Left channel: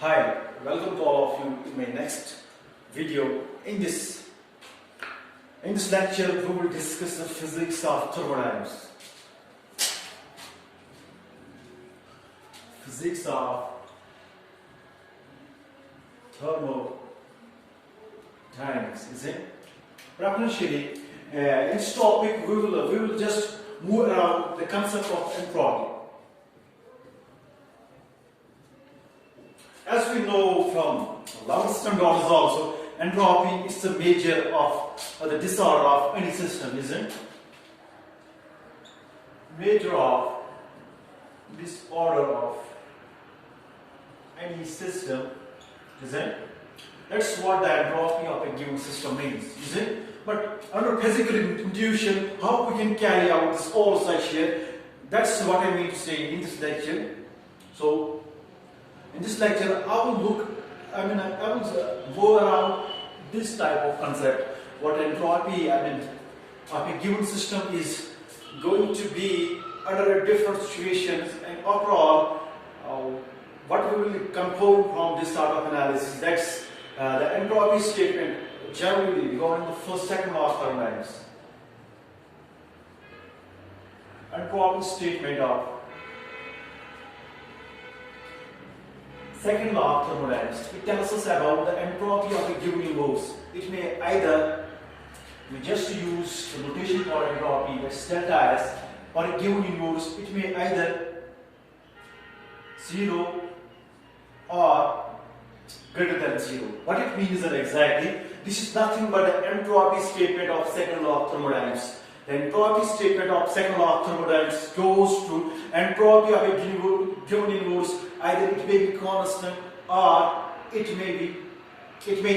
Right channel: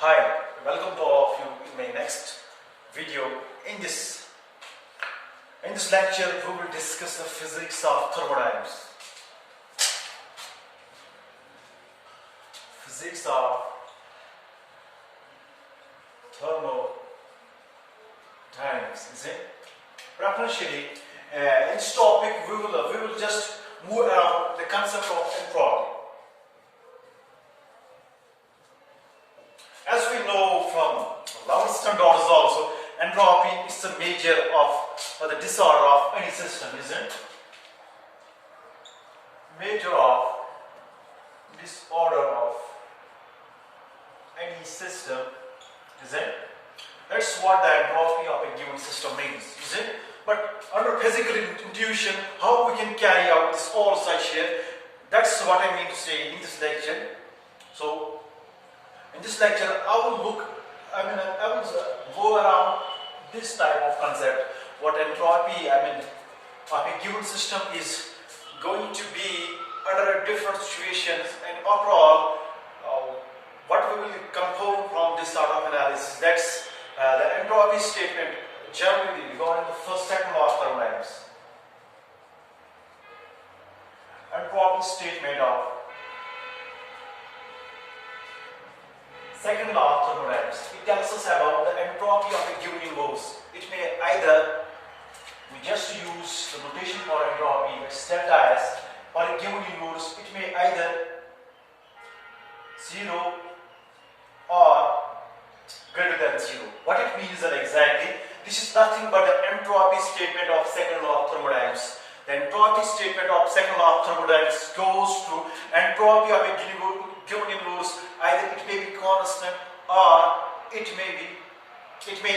Hi, welcome to all of you in my next video. In this lecture, we will discuss the physics of thermodynamics. Physics of thermodynamics, is it? Preferentially, in this topic, we will just move around the concept of entropy. As we know from our standards also, entropy is the measure of the disorder of any system, isn't it? Measure of disorder of any system, isn't it? That's what the entropy of a given system means, isn't it? But under physical intuition, how we can carry out this all such here, that's what I mean to say in this lecture. So, in this lecture, I will go around this type of concept, what entropy, of a given system is going to be under different situations, and overall, what we will conclude from this sort of analysis, that's the entropy statement generally regarding the second law of thermodynamics. Entropy statement of second law of thermodynamics. It tells us about the entropy of a given universe. It may either, we just use the notation for entropy, which is delta S, for a given universe, it may either 0 or greater than 0. What it means is that exactly, this is nothing but the entropy statement of second law of thermodynamics. The entropy statement of second law of thermodynamics goes to entropy of a given universe. Either it may be constant or it may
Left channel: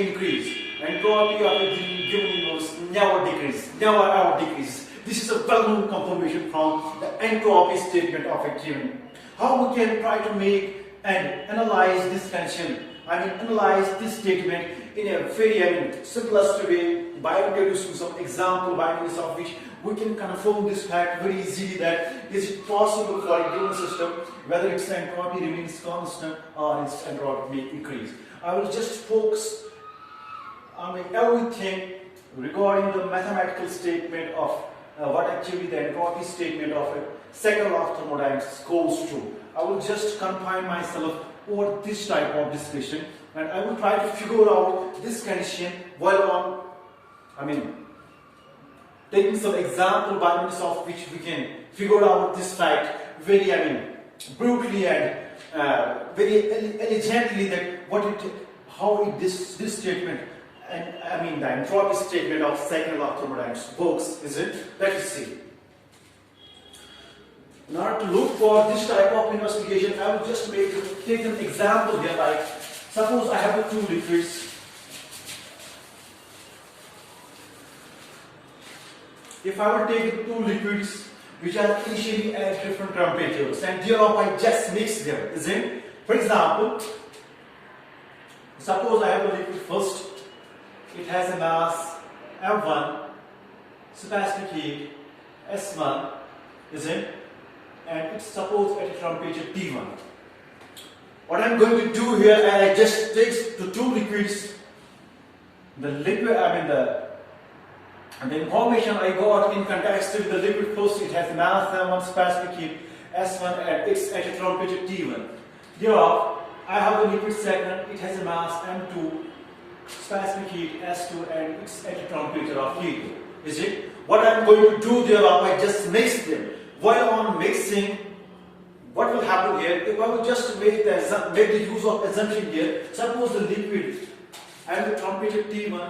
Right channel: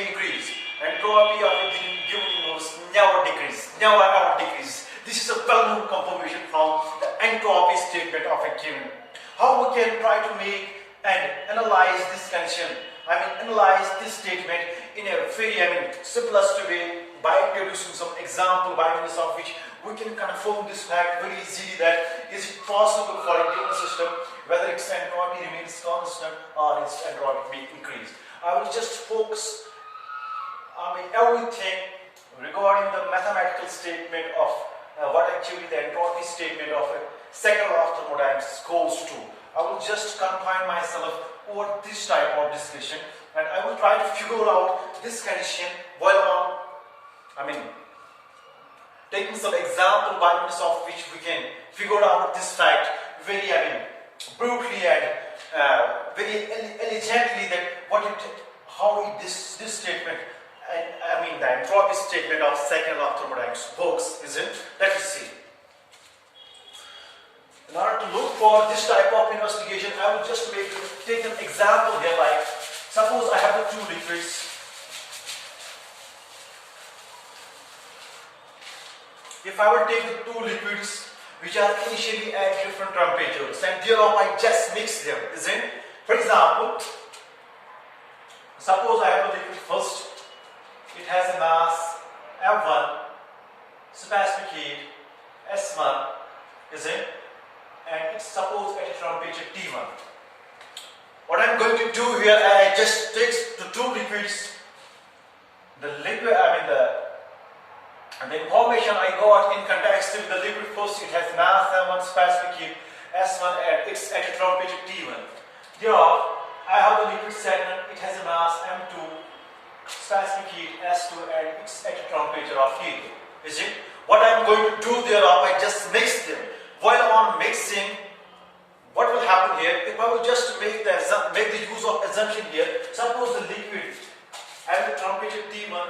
increase. Entropy of a given universe never decreases. This is a well-known confirmation from the entropy statement of a given. How we can try to make and analyze this condition? Analyze this statement in a very, simplest way by introducing some example by means of which we can confirm this fact very easily, that is it possible for a given system, whether its entropy remains constant or its entropy may increase. I will just focus on everything regarding the mathematical statement of what actually the entropy statement of a second law of thermodynamics goes to. I will just confine myself over this type of discussion, and I will try to figure out this condition while taking some example by means of which we can figure out this fact very brutally and very elegantly, that this statement and the entropy statement of second law of thermodynamics works, is it? Let us see. In order to look for this type of investigation, I will just take an example here, like suppose I have the two liquids. If I will take the two liquids which are initially at different temperatures, and thereof I just mix them, isn't it? For example, suppose I have a liquid first, it has a mass M1, specific heat S1, isn't it? And it's supposed at a temperature T1. What I'm going to do here, I just take the two liquids, and the information I got in context with the liquid first, it has mass M1, specific heat S1, and it's at a temperature T1. Thereof, I have the liquid second, it has a mass M2, specific heat S2, and it's at a temperature of T2. Is it? What I'm going to do thereof, I just mix them. While on mixing, what will happen here? If I will just make the use of assumption here, suppose the liquid at the temperature T1,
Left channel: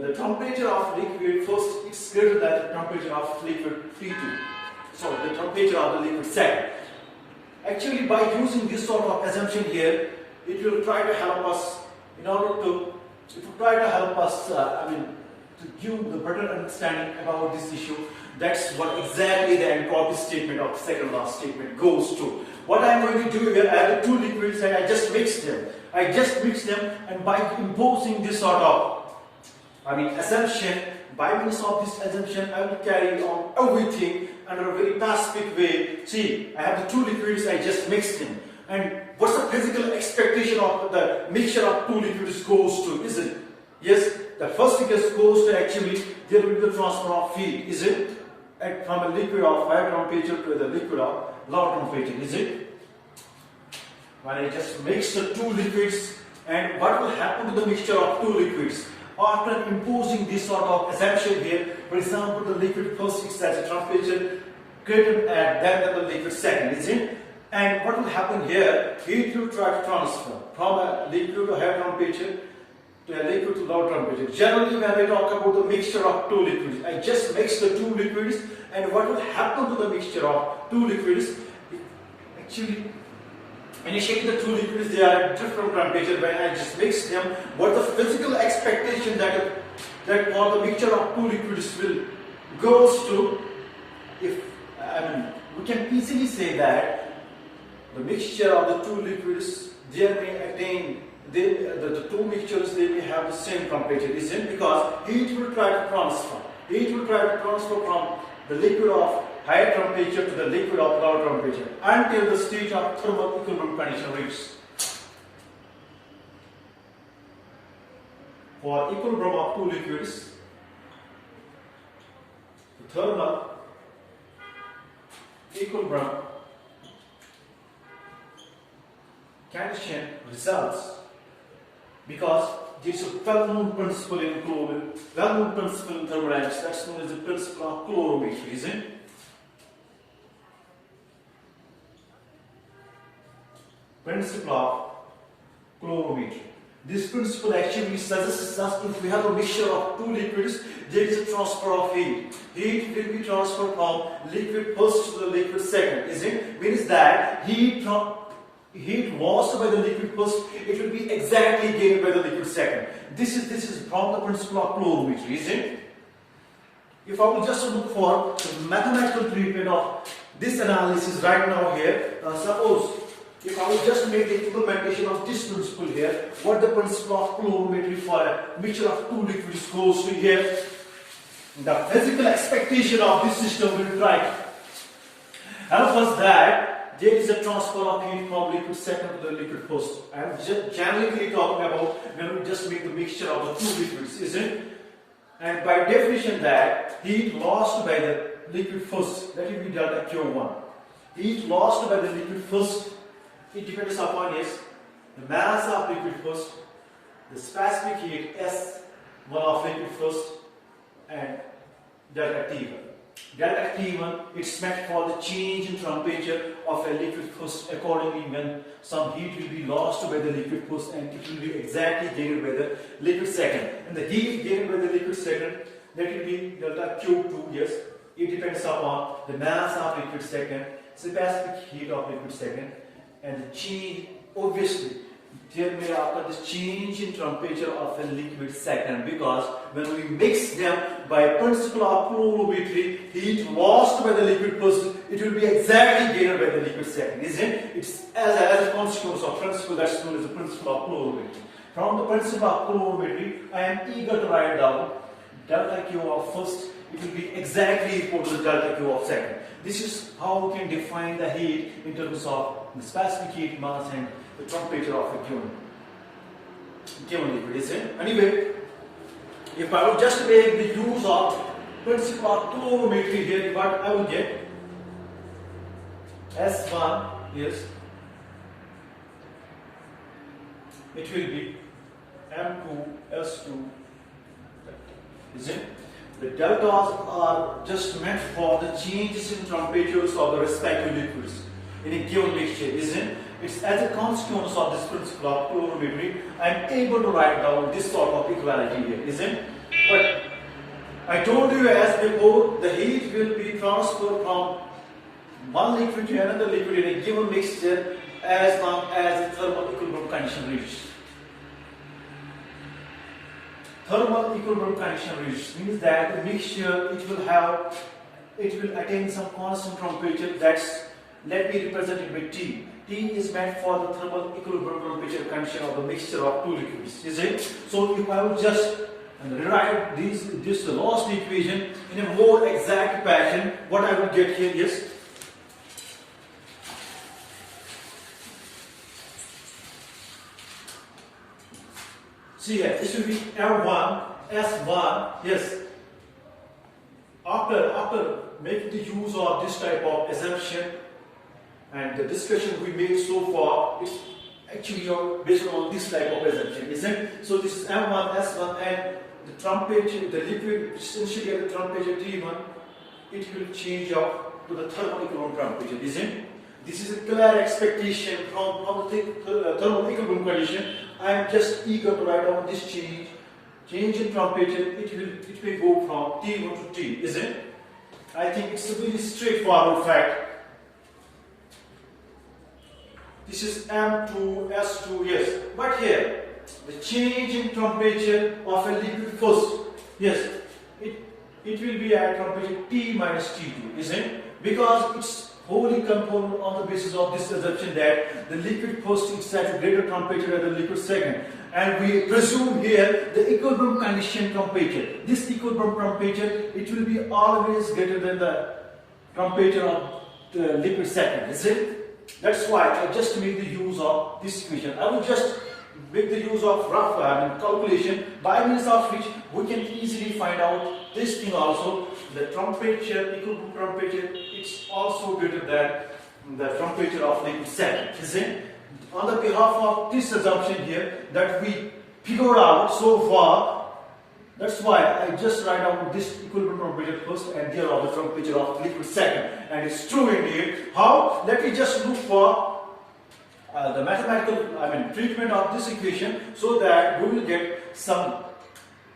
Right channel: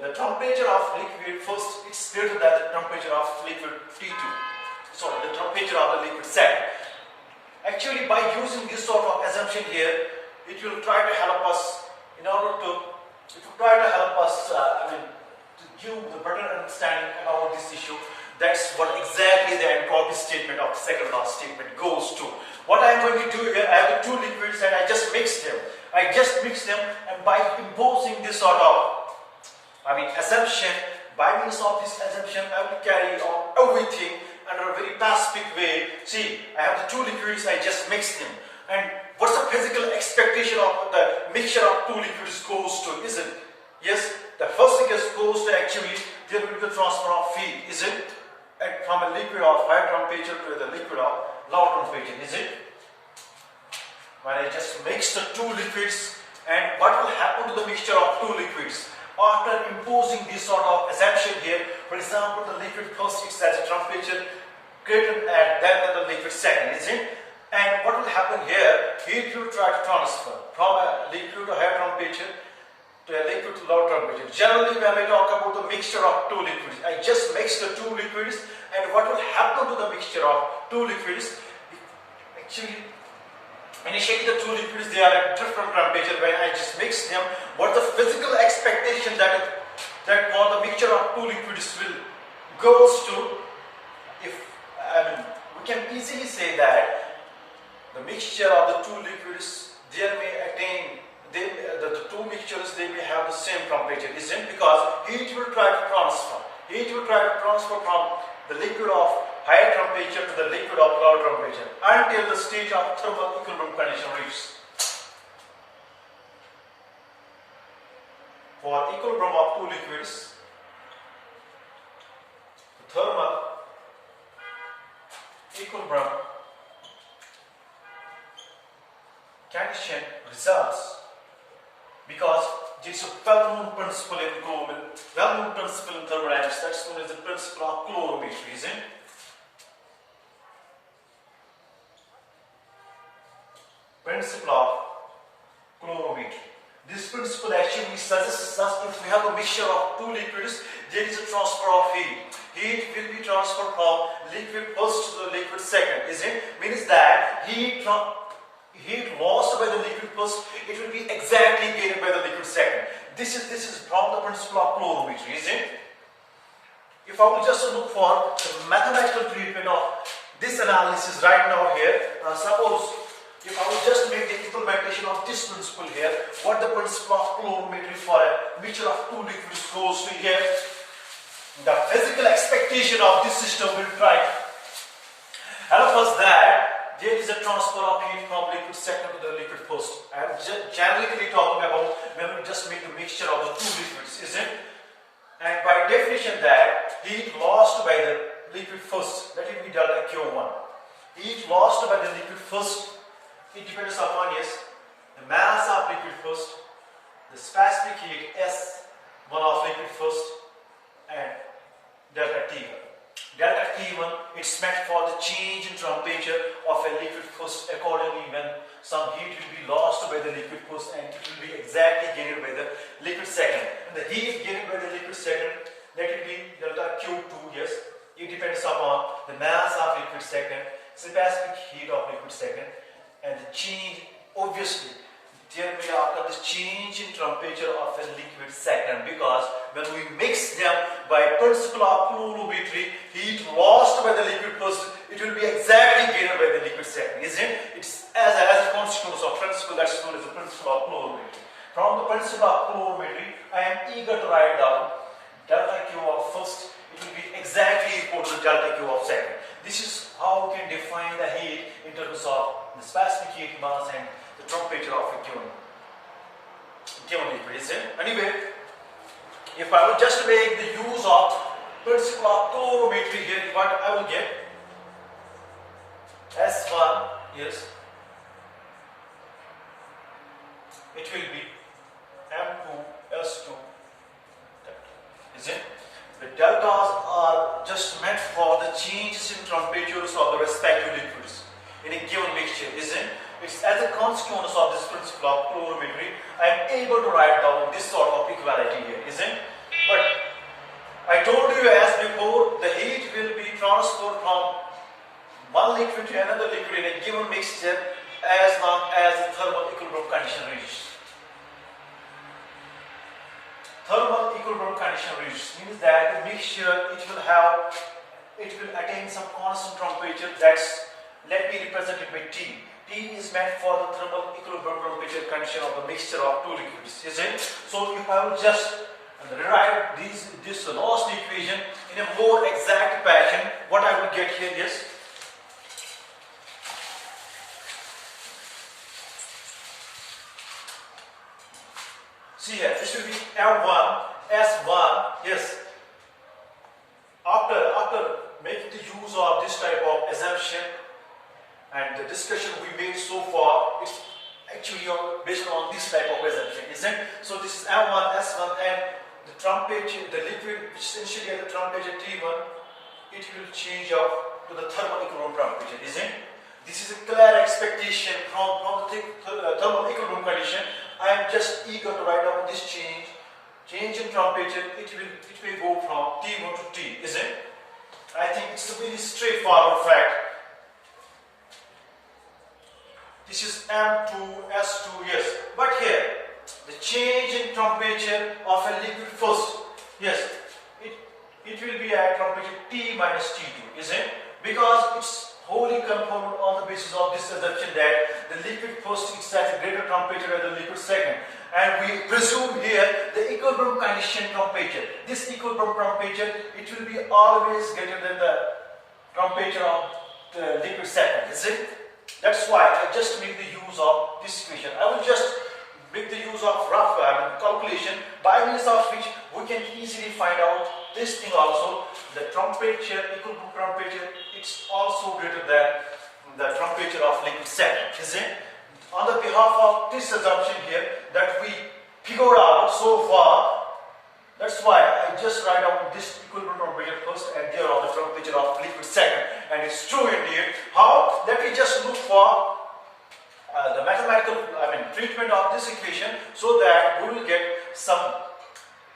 the temperature of liquid first, it's greater than the temperature of liquid T2. Sorry, the temperature of the liquid second. Actually, by using this sort of assumption here, it will try to help us to give the better understanding about this issue. That's what exactly the entropy statement of the second law statement goes to. What I am going to do here, I have the two liquids and I just mix them. And by imposing this sort of assumption, by means of this assumption, I will carry on everything under a very pacific way. See, I have the two liquids, I just mix them. And what's the physical expectation of the mixture of two liquids goes to, is it? Yes, the first thing is goes to actually there will be the transfer of heat, is it? And from a liquid of higher temperature to the liquid of lower temperature, is it? When I just mix the two liquids, and what will happen to the mixture of two liquids? After imposing this sort of assumption here, for example, the liquid first is at a temperature greater than the liquid second, isn't it? And what will happen here? Heat will try to transfer from a liquid to higher temperature to a liquid to lower temperature. Generally, when I talk about the mixture of two liquids, I just mix the two liquids, and what will happen to the mixture of two liquids? Actually, initially the two liquids, they are at different temperature. When I just mix them, what the physical expectation that for the mixture of two liquids will goes to, we can easily say that the mixture of the two liquids, they may attain, the two mixtures, they may have the same temperature, isn't it? Because heat will try to transfer. Heat will try to transfer from the liquid of higher temperature to the liquid of lower temperature until the stage of thermal equilibrium condition reaches. For equilibrium of two liquids, the thermal equilibrium condition results because there is a well-known principle in thermodynamics, that's known as the principle of calorimetry, isn't it? Principle of calorimetry. This principle actually suggests us if we have a mixture of two liquids, there is a transfer of heat. Heat will be transferred from liquid first to the liquid second, isn't it? Means that heat lost by the liquid first, it will be exactly gained by the liquid second. This is from the principle of calorimetry, isn't it? If I will just look for the mathematical treatment of this analysis right now here, suppose if I will just make the implementation of this principle here, what the principle of calorimetry for a mixture of two liquids goes to here, the physical expectation of this system will try to help us that there is a transfer of heat from liquid second to the liquid first. I am generally talking about when we just make the mixture of the two liquids, isn't it? And by definition that heat lost by the liquid first, that will be delta Q1. Heat lost by the liquid first, it depends upon, yes, the mass of liquid first, the specific heat S1 of liquid first, and delta T1. Delta T1, it's meant for the change in temperature of a liquid first. Accordingly, when some heat will be lost by the liquid first and it will be exactly gained by the liquid second. And the heat gained by the liquid second, that will be delta Q2, yes. It depends upon the mass of liquid second, specific heat of liquid second, and the change, obviously, there may occur this change in temperature of a liquid second, because when we mix them by principle of calorimetry, heat lost by the liquid first, it will be exactly gained by the liquid second, isn't it? It's as a consequence of principle that's known as the principle of calorimetry. From the principle of calorimetry, I am eager to write down delta Q of first, it will be exactly equal to the delta Q of second. This is how we can define the heat in terms of the specific heat mass and the temperature of a given liquid, isn't it? Anyway, if I will just make the use of principle of calorimetry here, what I will get S1, yes, it will be M2 S2 isn't it? The deltas are just meant for the changes in temperatures of the respective liquids in a given mixture, isn't it? It's as a consequence of this principle of calorimetry, I am able to write down this sort of equality here, isn't it? But I told you as before, the heat will be transferred from one liquid to another liquid in a given mixture as long as the thermal equilibrium condition reaches. Thermal equilibrium condition reaches means that the mixture it will attain some constant temperature. That's, let me represent it by T. T is meant for the thermal equilibrium temperature condition of the mixture of two liquids, is it? So if I will just rewrite this lost equation in a more exact fashion, what I will get here is See here, this will be M1, S1, yes. After making the use of this type of assumption and the discussion we made so far, it's actually based on this type of assumption, isn't it? So this is M1, S1, and the temperature, the liquid which is initially at the temperature T1, it will change up to the thermal equilibrium temperature, isn't it? This is a clear expectation from the thermal equilibrium condition. I am just eager to write down this change in temperature. It will go from T1 to T, isn't it? I think it's a very straightforward fact. This is M2, S2, yes. But here, the change in temperature of a liquid first, yes, it will be at temperature T minus T2, isn't it? Because it's wholly compounded on the basis of this assumption that the liquid first is at a greater temperature than the liquid second. And we presume here the equilibrium condition temperature. This equilibrium temperature, it will be always greater than the temperature of the liquid second, isn't it? That's why I just make the use of this equation. I will just make the use of rough calculation by means of which we can easily find out this thing also. The temperature, equilibrium temperature, it's also greater than the temperature of liquid second, isn't it? On the behalf of this assumption here that we figured out so far, that's why I just write down this equilibrium temperature first and there are the temperature of liquid second. And it's true indeed. How? Let me just look for the mathematical treatment of this equation so that we will get some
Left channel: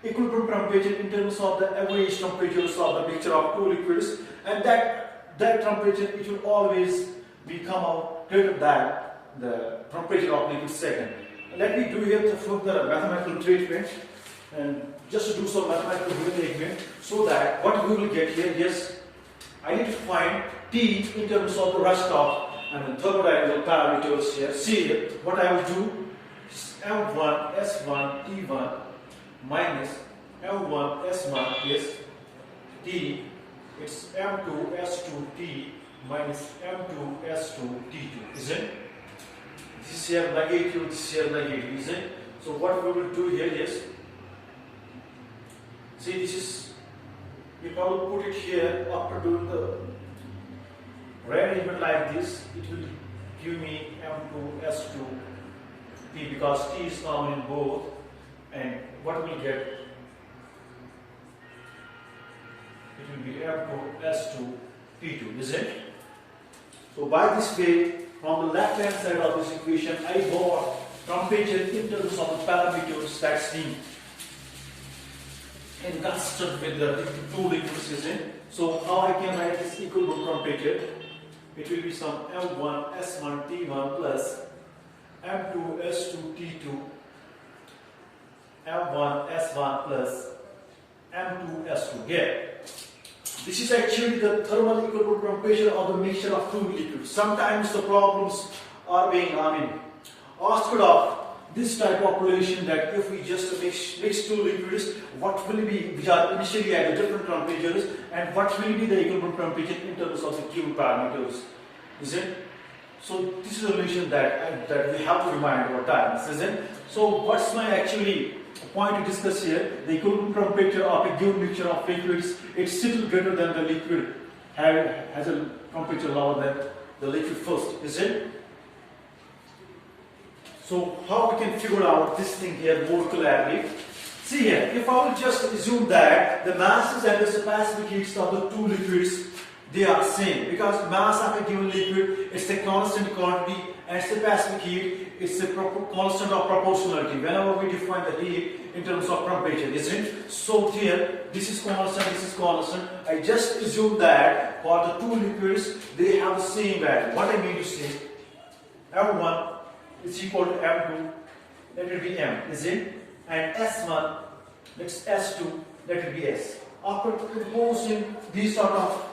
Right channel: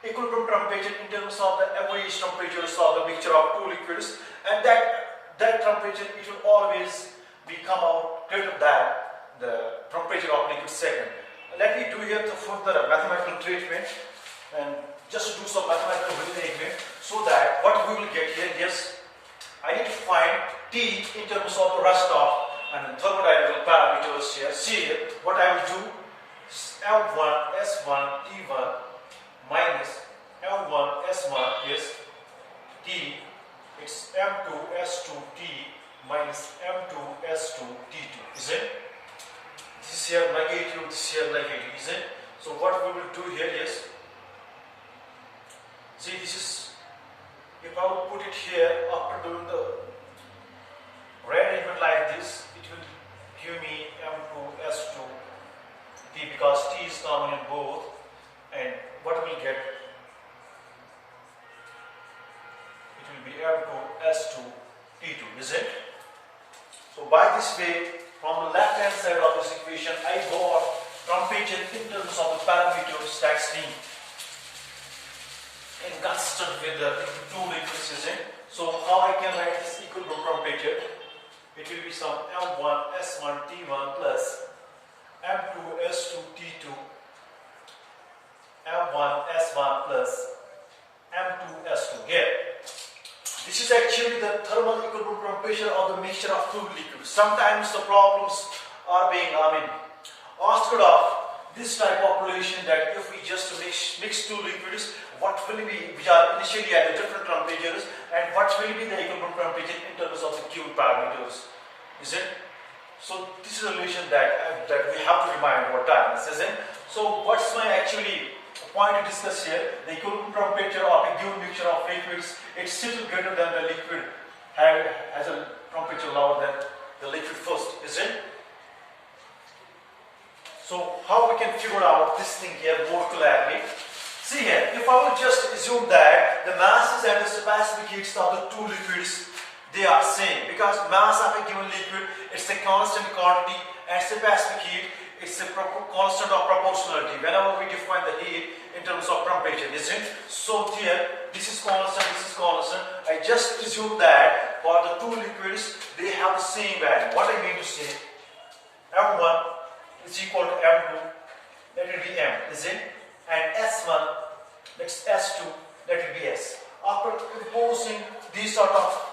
equilibrium temperature in terms of the average temperatures of the mixture of two liquids, and that temperature, it will always come out greater than the temperature of liquid second. Let me do here the further mathematical treatment and just do some mathematical arrangement so that what we will get here is I need to find T in terms of the rest of thermodynamical parameters here. See what I will do is M1 S1 T1 minus M1 S1 is T, it's M2 S2 T minus M2 S2 T2, is it? This here negative, this here negative, is it? So what we will do here is, see, this is, if I will put it here after doing the rearrangement like this, it will give me M2 S2 T because T is common in both, and what we will get, it will be M2 S2 T2, is it? So by this way, from the left hand side of this equation, I got temperature in terms of the parameters that's being inconstant with the two liquids, is it? So how I can write this equilibrium temperature? It will be some M1 S1 T1 plus M2 S2 T2 M1 S1 plus M2 S2 here. This is actually the thermal equilibrium temperature of the mixture of two liquids. Sometimes the problems are being asked of this type of relation that if we just mix two liquids, what will be, which are initially at the different temperatures, and what will be the equilibrium temperature in terms of the given parameters, is it? So this is a relation that we have to remind over time, isn't it? So what's my actually point to discuss here? The equilibrium temperature of a given mixture of liquids, it's still greater than the liquid has a temperature lower than the liquid first, is it? So how we can figure out this thing here more clearly? See here, if I will just assume that the masses and the specific heats of the two liquids, they are same, because mass of a given liquid, it's a constant quantity, and specific heat, it's a constant of proportionality whenever we define the heat in terms of temperature, isn't it? So here, this is constant, this is constant. I just assume that for the two liquids, they have the same value. What I mean to say, M1 is equal to M2, that will be M, is it? And S1, that's S2, that will be S. After imposing these sort of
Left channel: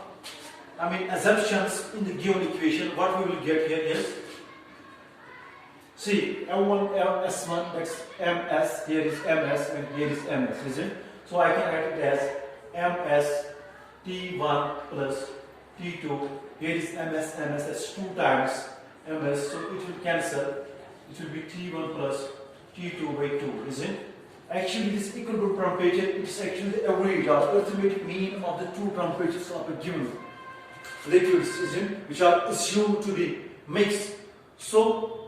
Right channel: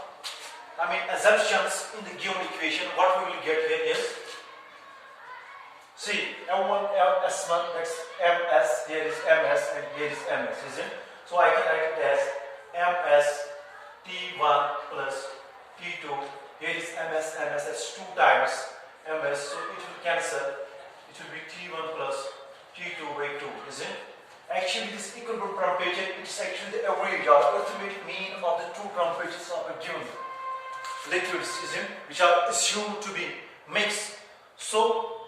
assumptions in the given equation, what we will get here is, see, M1, S1, that's MS, here is MS, and here is MS, is it? So I can write it as MS T1 plus T2, here is MS, that's 2 times MS, so it will cancel. It will be T1 plus T2 by 2, is it? Actually, this equilibrium temperature is actually the average or arithmetic mean of the two temperatures of a given liquid system which are assumed to be mixed. So,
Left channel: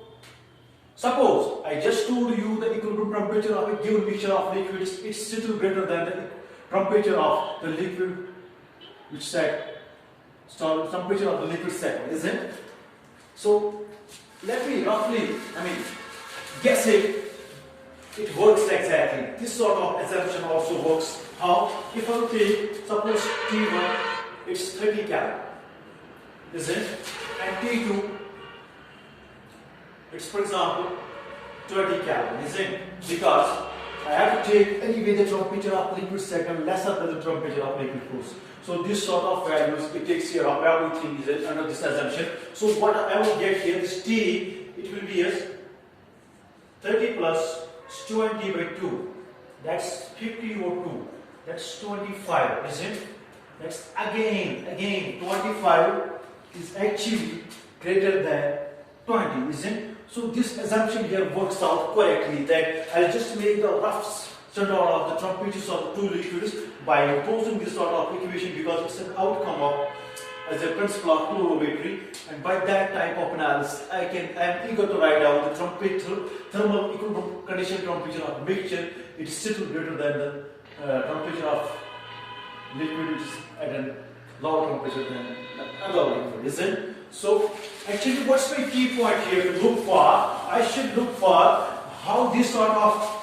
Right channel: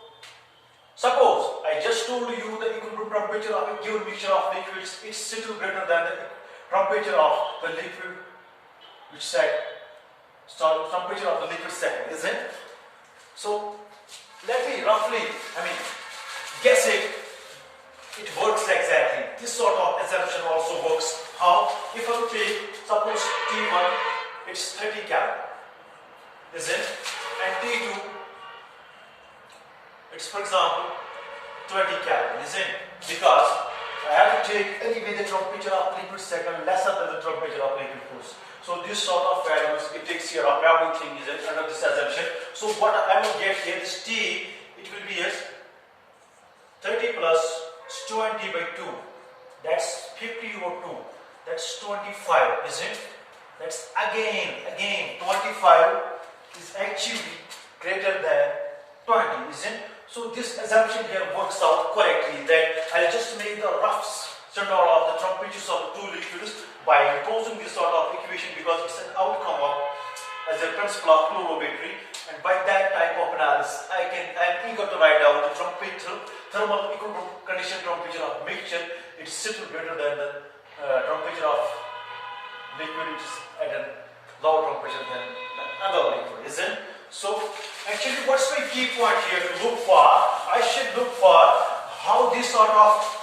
suppose I just told you the equilibrium temperature of a given mixture of liquids is still greater than the temperature of the liquid which said, so temperature of the liquid second, isn't it? So, let me roughly, guess it. It works exactly. This sort of assumption also works. How? If I take, suppose T1, it's 30 Kelvin, is it? And T2, it's for example 20 Kelvin, is it? Because I have to take anyway the temperature of liquid second lesser than the temperature of liquid first. So this sort of values, it takes care of everything, is it, under this assumption. So what I will get here is T, it will be as 30 plus 20 by 2, that's 50 over 2, that's 25, isn't it? That's again 25 is actually greater than 20, isn't it? So this assumption here works out correctly, that I'll just make the rough standard of the temperatures of the two liquids by imposing this sort of equation, because it's an outcome of as a principle of calorimetry, and by that type of analysis I'm eager to write down the thermal equilibrium condition temperature of mixture. It is still greater than the temperature of liquid, which is at a lower temperature than the other liquid, isn't it? So actually what's my key point here to look for? I should look for how this sort of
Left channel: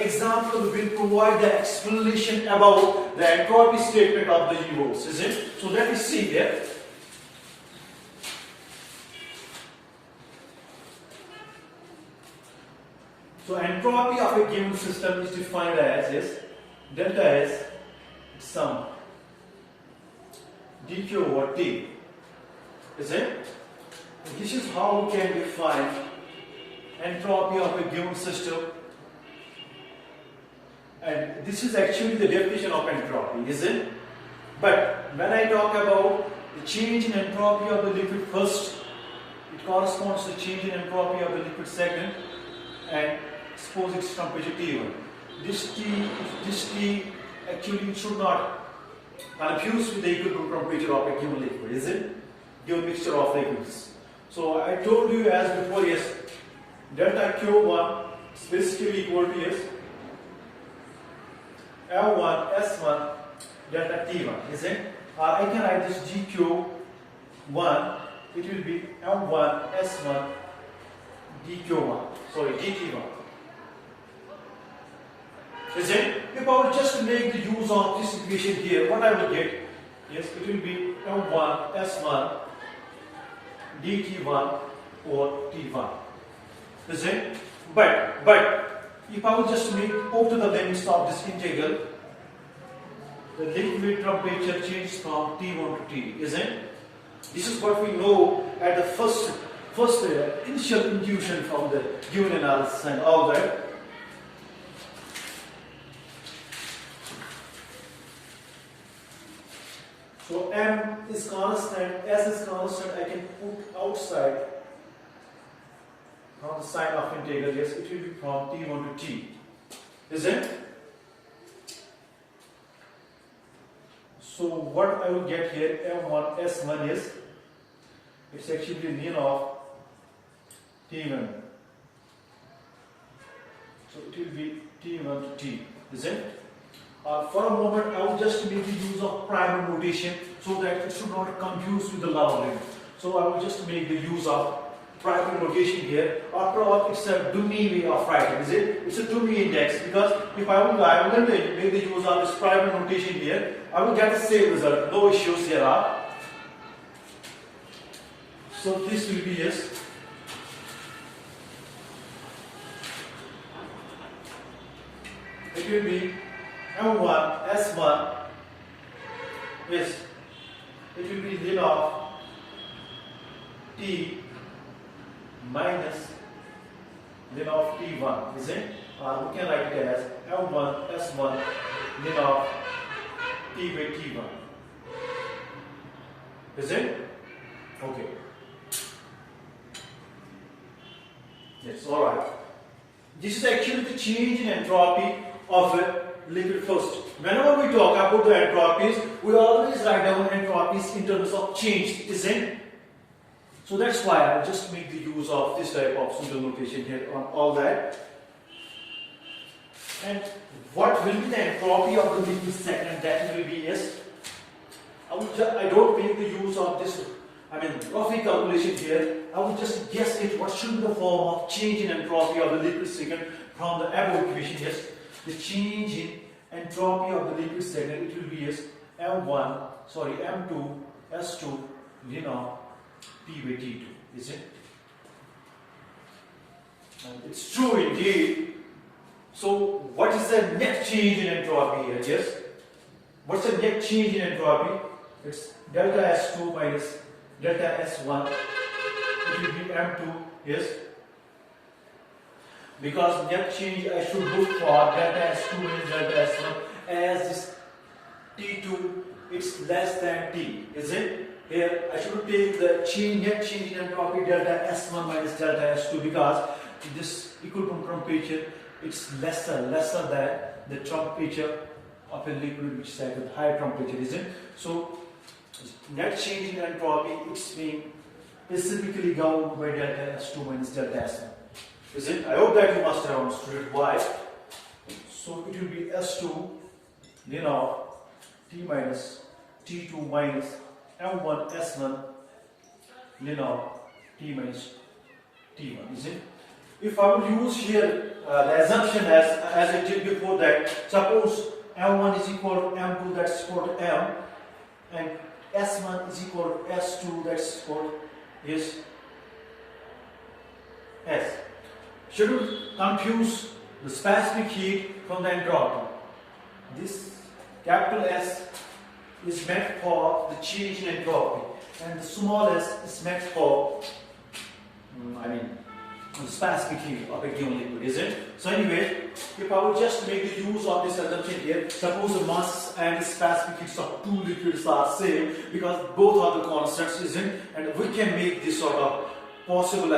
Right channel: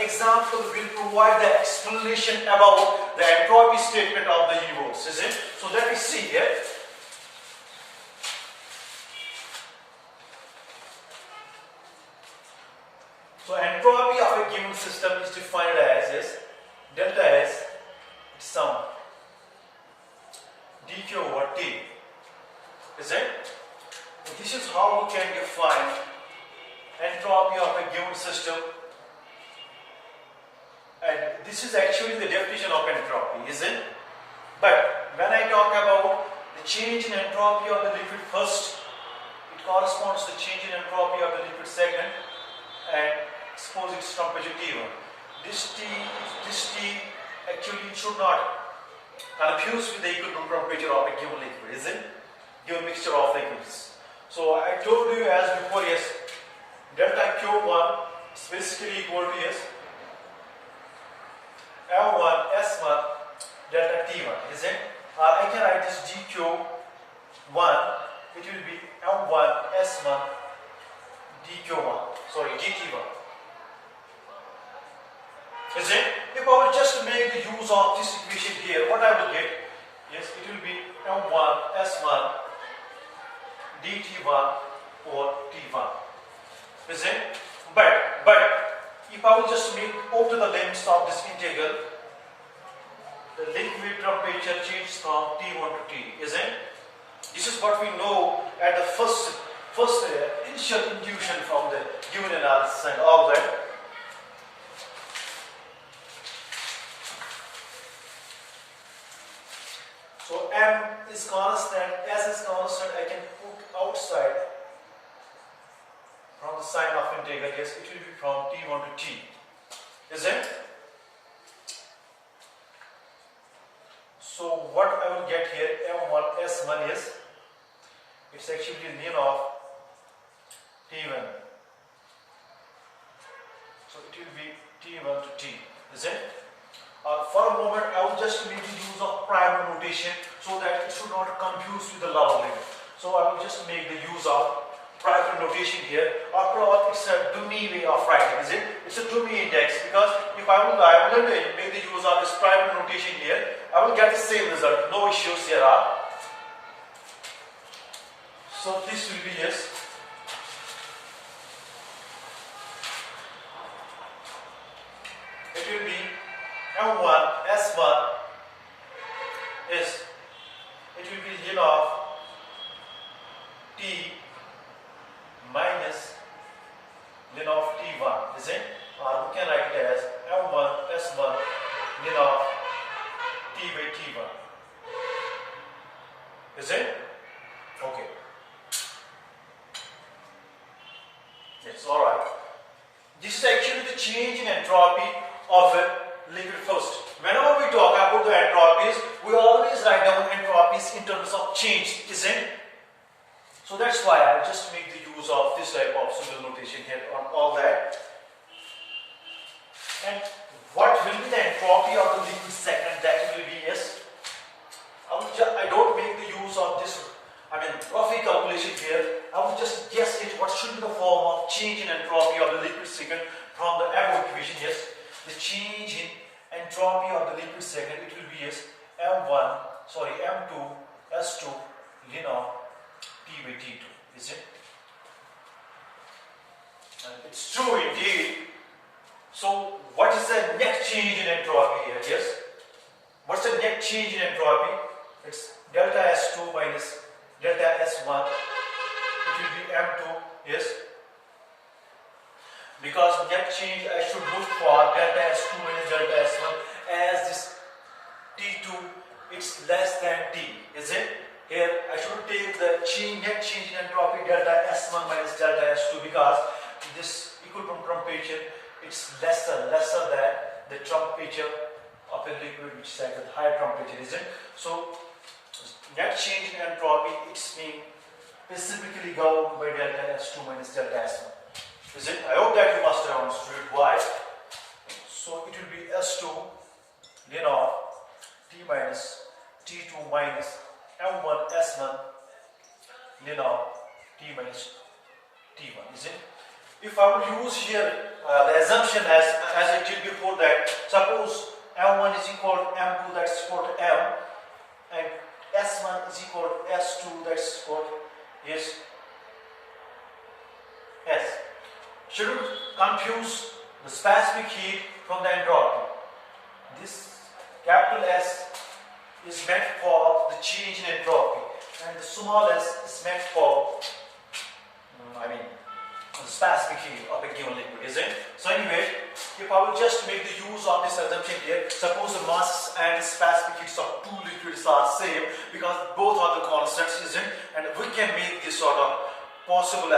example will provide the explanation about the entropy statement of the universe, is it? So let me see here. So entropy of a given system is defined as is delta S sum dq over T, is it? And this is how we can define entropy of a given system. And this is actually the definition of entropy, isn't it? But when I talk about the change in entropy of the liquid first, it corresponds to the change in entropy of the liquid second, and suppose it's temperature T1. This T actually should not confuse with the equilibrium temperature of a given liquid, isn't it? Given mixture of liquids. So I told you as before, yes, delta Q1 is basically equal to yes, L1 S1 delta T1, isn't it? Or I can write this dQ1, it will be L1 S1 dt1. Isn't it? If I will just make the use of this equation here, what I will get? Yes, it will be L1 S1 dt1 or T1. Isn't it? But if I will just make over the limits of this integral, the liquid temperature changes from T1 to T, isn't it? This is what we know at the first initial intuition from the given analysis and all that. So M is constant, S is constant, I can put outside from the sign of integral, yes, it will be from T1 to T, isn't it? So what I will get here, M1 S1 is, it's actually ln of T1. So it will be T1 to T, isn't it? For a moment, I will just make the use of primal notation so that it should not confuse with the lower limit. So I will just make the use of primal notation here. After all, it's a dummy way of writing, is it? It's a dummy index, because if I will make the use of this primal notation here, I will get the same result. No issues here are. So this will be yes. It will be M1 S1 is, it will be ln of T minus ln of T1, isn't it? Or we can write it as M1 S1 ln of T by T1. Is it? Okay. Yes, alright. This is actually the change in entropy of a liquid first. Whenever we talk about the entropies, we always write down entropies in terms of change, isn't it? So that's why I just make the use of this type of simple notation here on all that. And what will be the entropy of the liquid second? That will be, yes, I don't make the use of this rough calculation here. I will just guess it what should be the form of change in entropy of the liquid second from the above equation. Yes, the change in entropy of the liquid second, it will be, yes, M2 S2 ln of T by T2, is it? And it's true indeed. So what is the net change in entropy here? Yes, what's the net change in entropy? It's delta S2 minus delta S1. It will be M2, yes. Because net change I should look for delta S2 minus delta S1 as this T2, it's less than T, is it? Here I should take the net change in entropy delta S1 minus delta S2 because this equilibrium temperature, it's lesser than the temperature of a liquid which is at a higher temperature, isn't it? So net change in entropy, it's being specifically governed by delta S2 minus delta S1, isn't it? I hope that you must have understood why. So it will be S2 ln of T minus T2 minus M1 S1 ln of T minus T1, isn't it? If I will use here the assumption as I did before that, suppose M1 is equal to M2, that's equal to M, and S1 is equal to S2, that's equal to is S. Shouldn't confuse the specific heat from the entropy. This capital S is meant for the change in entropy, and the small s is meant for the specific heat of a given liquid, isn't it? So anyway, if I will just make the use of this assumption here, suppose the masses and the specific heats of two liquids are same because both are the constants, isn't it? And we can make this sort of possible,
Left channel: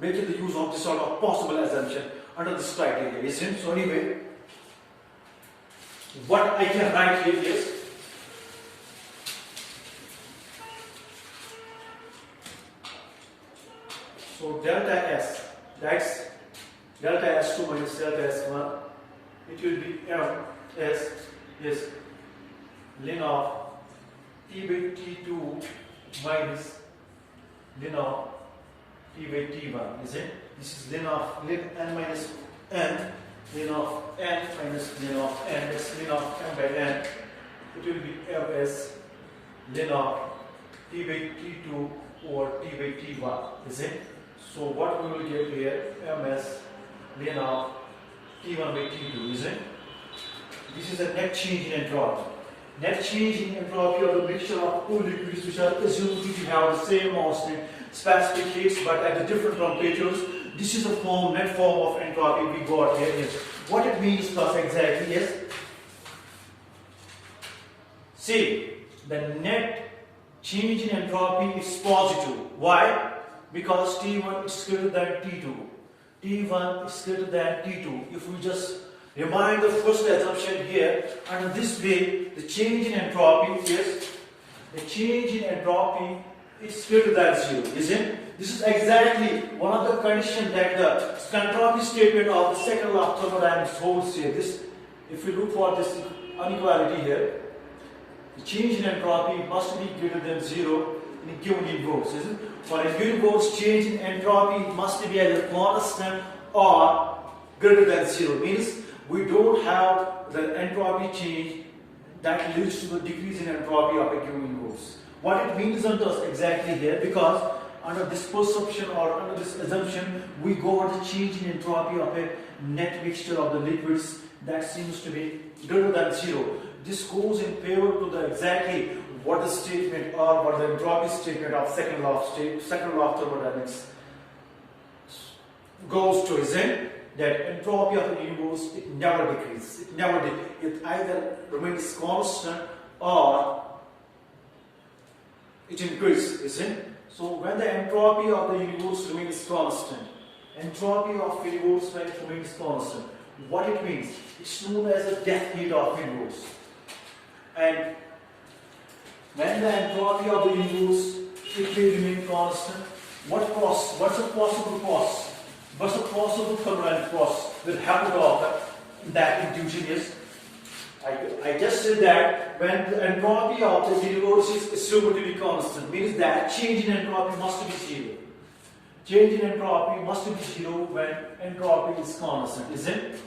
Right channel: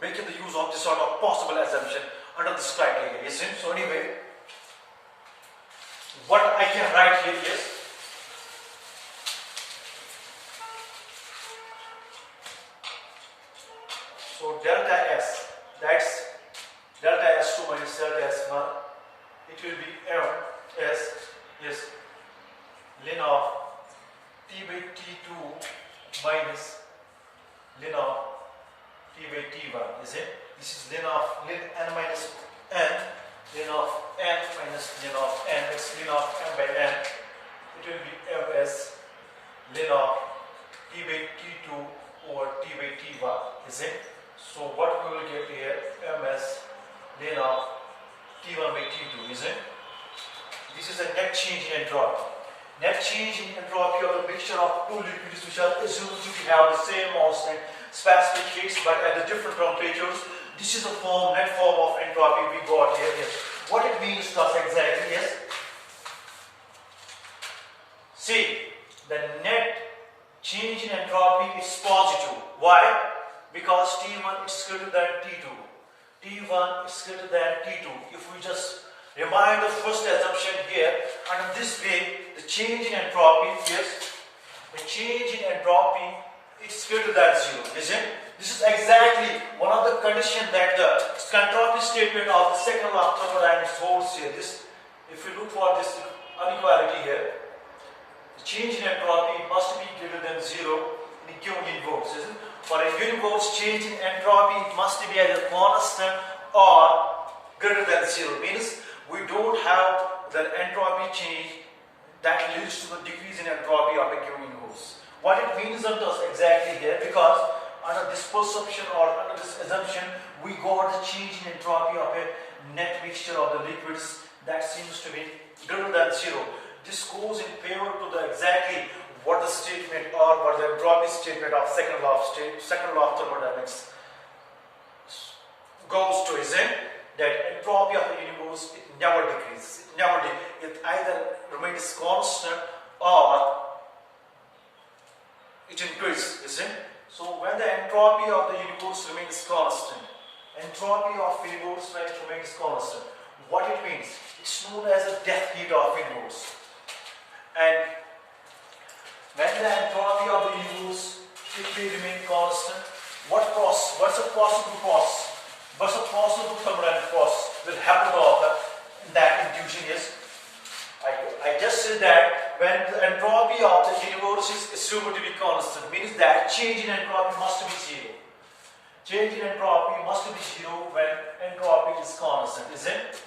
making the use of this sort of possible assumption under this criteria, isn't it? So anyway, what I can write here is so delta S, that's delta S2 minus delta S1, it will be M S, yes, ln of T by T2 minus ln of T by T1, is it? This is ln n minus n, ln of n minus ln of n, that's ln of m by n, it will be Ms ln of T by T2 over T by T1, is it? So what we will get here, Ms ln of T1 by T2, is it? This is a net change in entropy. Net change in entropy of the mixture of two liquids which are assumed to have the same mass and specific heats but at the different temperatures. This is a net form of entropy we got here. Yes. What it means thus exactly, yes? See, the net change in entropy is positive. Why? Because T1 is greater than T2. T1 is greater than T2. If we just remind the first assumption here, and in this way, the change in entropy is, the change in entropy is greater than 0, isn't it? This is exactly one of the conditions that the entropy statement of the second law of thermodynamics holds here. This, if you look for this inequality here, the change in entropy must be greater than 0 in a given universe, isn't it? For a universe, change in entropy must be either constant or greater than 0. Means we don't have the entropy change that leads to the decrease in entropy of a given universe. What it means on us exactly here, because under this perception or under this assumption, we got the change in entropy of a net mixture of the liquids that seems to be greater than 0. This goes in favor to the exactly what the statement or what the entropy statement of second law of thermodynamics goes to, isn't it? That entropy of the universe, it never decreases. It either remains constant or it increases, isn't it? So when the entropy of the universe remains constant, entropy of the universe remains constant. What it means? It's known as the death heat of universe. And when the entropy of the universe, it may remain constant, what's a possible process? What's a possible thermodynamic process that happen to occur? That intuition is, I just said that when the entropy of the universe is assumed to be constant, means that change in entropy must be zero. Change in entropy must be zero when entropy is constant, isn't it?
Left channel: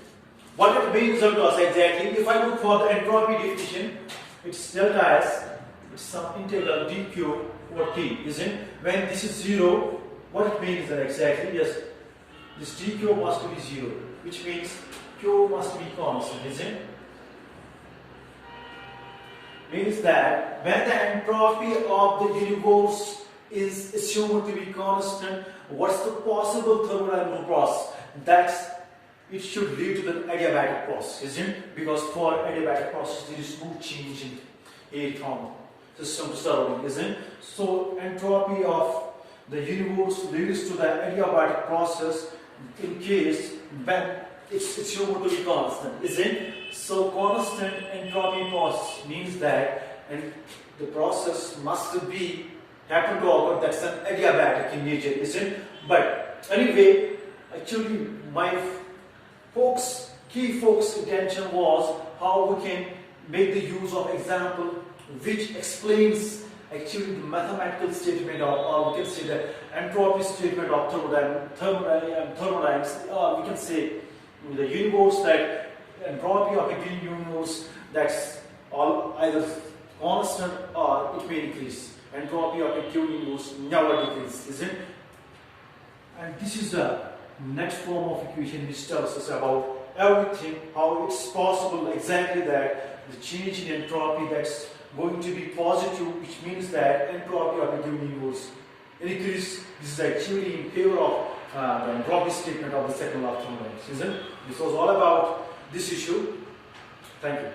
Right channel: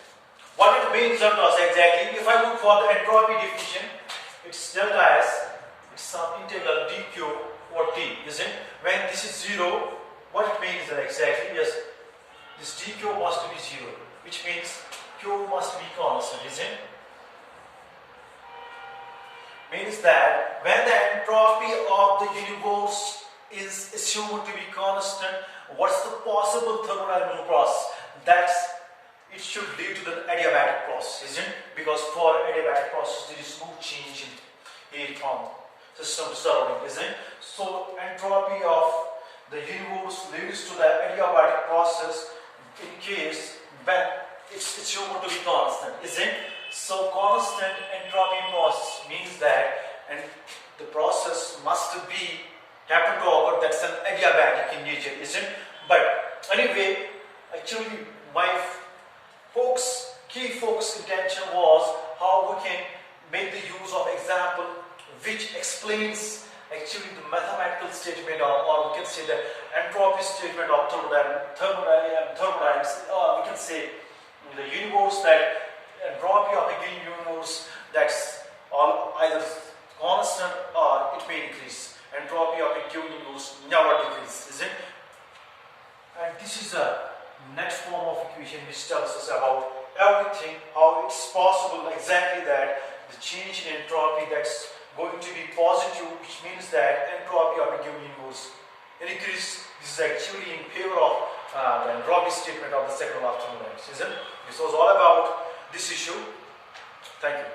What it means to us exactly, if I look for the entropy definition, it's delta S, it's some integral dq over t, isn't it? When this is zero, what it means that exactly? Yes, this dq must be zero, which means q must be constant, isn't it? Means that when the entropy of the universe is assumed to be constant, what's the possible thermodynamic process? That's it should lead to the adiabatic process, isn't it? Because for adiabatic process there is no change in heat from system to surrounding, isn't it? So entropy of the universe leads to the adiabatic process in case when it's assumed to be constant, isn't it? So constant entropy process means that and the process must be happen to occur that's an adiabatic in nature, isn't it? But anyway, actually my key focus attention was how we can make the use of example which explains actually the mathematical statement of, or we can say the entropy statement of thermodynamics, or we can say the universe that entropy of the given universe that's all either constant or it may increase. Entropy of a given universe never decreases, isn't it? And this is the next form of equation which tells us about everything, how it's possible exactly that the change in entropy that's going to be positive, which means that entropy of a given universe increase. This is actually in favor of the entropy statement of the second law of thermodynamics, isn't it? This was all about this issue. Thank you.